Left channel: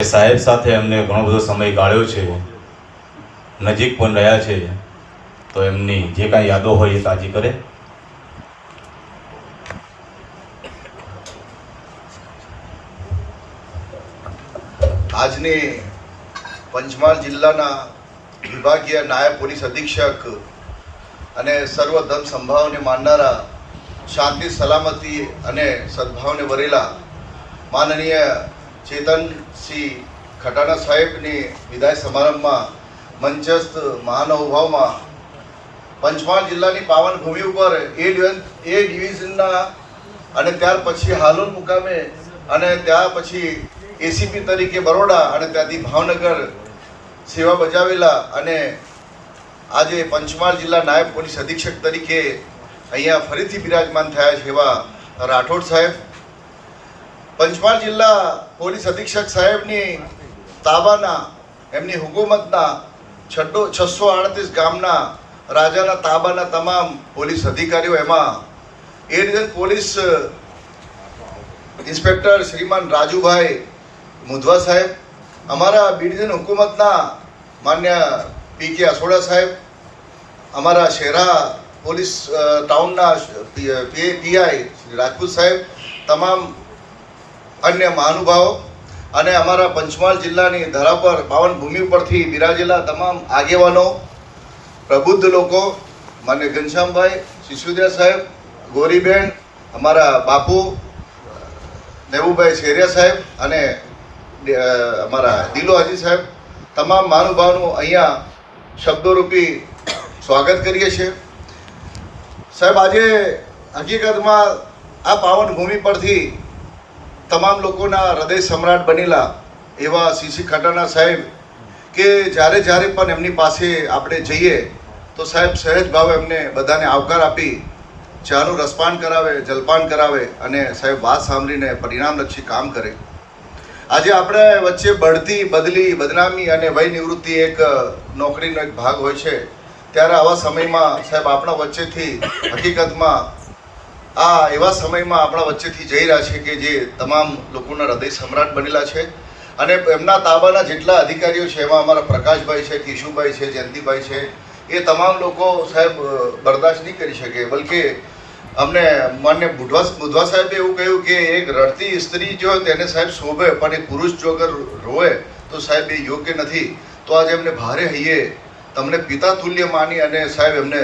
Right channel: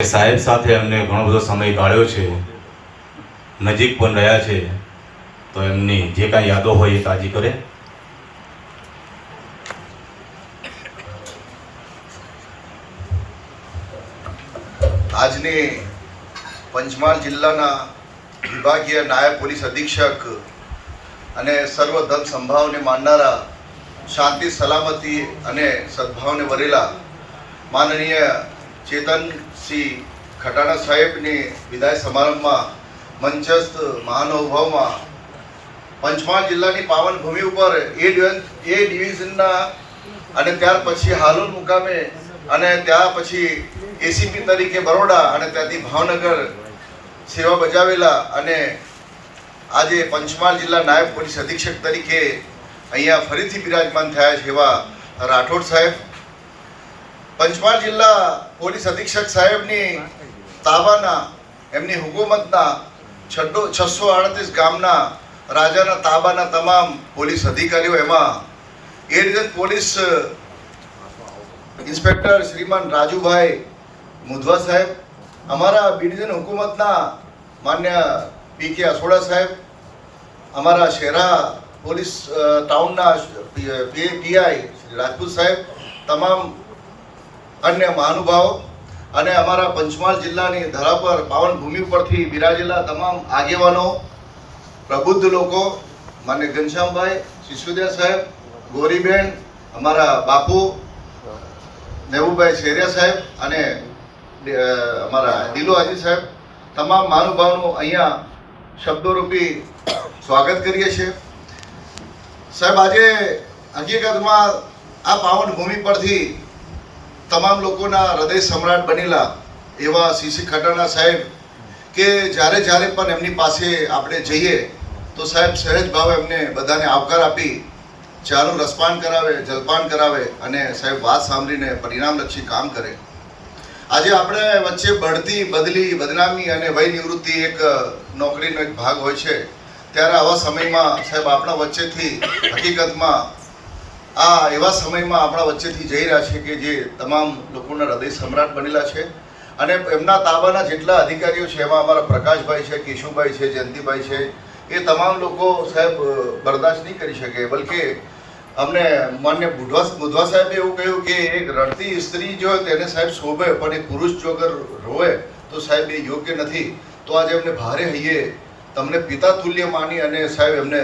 સાહેબ સાથે અમને ઘણો બધો સમય ગાળ્યો છે, નજીક પણ રહ્યા છે, તો એમની જે કાંઈ યાદો હોય એ તાજી કરે. આજની પંચમહાલ જિલ્લાના વિભાગીય નાયબ પોલીસ અધિક્ષક અને સર્વ ધર્મ સંભાવને માનનારા, શાંતિ સલામતી અને સદભાવને વરેલા માનનીય ચેતનસિંહ ખટાણા સાહેબની વિદાય સમારંભમાં મંચસ્થ મહાનુભાવમાં પંચમહાલ જિલ્લાની પાવન ભૂમિ ઉપર એ ડિવિઝનના અને ત્યાર પછી હાલોલ મુકામે અને ત્યાર પછી એસીપી તરીકે બરોડા અને ત્યાંથી ભાવનગર સેવા બજાવેલા અને આજે પંચમહાલ જિલ્લા નાયબ પોલીસ અધિક્ષક તરીકે અહીંયા ફરીથી બિરાજમાન થયા છે એવા રાઠોડ સાહેબ, પંચમહાલ જિલ્લા પોલીસ અધિક્ષક સાહેબની તાબાના એમની હુકુમતના 638 ગામના રાજાના તાબાના તમામ પોલીસ અધિકારીઓ, એમાં એ ડિવિઝન પોલીસ ઇન્સ્પેક્ટર શ્રીમાન રાજુભાઈ મુધવા સાહેબ, અમારા બી ડિવિઝન હુકુમતના માન્ય પી.કે. અસોડા સાહેબ, અમારા શહેરા પોલીસ ટાઉનના પીઆઈ રાજપૂત સાહેબ, તમામ અન્ય મહાનુભાવો અને અમારા પંચમહાલ જિલ્લાની ધરા પર પાવન ભૂમિ ઉપરથી બિરાજેલા તમામ આગેવાનો, પ્રબુદ્ધ લોકો, માન્ય ઘનશ્યામભાઈ, શિશુદિયા સાહેબ, ગોરીબેન, અમારા બાપુ મહેબૂબભાઈ શેરિયા સાહેબ અને અમારા દિલો હાજી સાહેબ, તમામ મહાનુભાવોનું અહીંયા શબ્દોરૂપી સ્વાગત કરીએ છીએ. સાહેબ, આજે હકીકતમાં આ પાવન ભૂમિ પરથી તમામ લોકોના હૃદય સમ્રાટ બનેલા એવા સીસી ખટાણા સાહેબ કે જ્યારે પણ એમની પાસે આપણે જઈએ તો સાહેબ સહેજ ભાવે એમને બધાને આવકાર આપી ચાનું રસપાન કરાવે, જલપાન કરાવે અને સાહેબ વાત સાંભળીને પરિણામલક્ષી કામ કરે. આજે આપણે વચ્ચે બઢતી, બદલી, બદનામી અને વય નિવૃત્તિ એક નોકરીનો એક ભાગ હોય છે, ત્યારે આવા સમયમાં સાહેબ આપણા વચ્ચેથી હકીકતમાં આ એવા સમયમાં આપણા વચ્ચેથી જઈ રહ્યા છે કે જે તમામ લોકોના હૃદય સમ્રાટ બનેલા છે અને એમના તાબાના જેટલા અધિકારીઓ છે એમાં અમારા પ્રકાશભાઈ છે, કેશુભાઈ છે, જયંતિભાઈ છે, એ તમામ લોકો સાહેબ બરદાસ્ત નહીં કરી શકે. બલકે અમને માન્ય મુધવા સાહેબે એવું કહ્યું કે એક રડતી સ્ત્રી જો તેને સાહેબ શોભે, પણ એ પુરુષ જો અગર રોવે તો સાહેબ એ યોગ્ય નથી. તો આજે એમને ભારે હૈયે તમને પિતા તુલ્ય માની અને સાહેબ એમને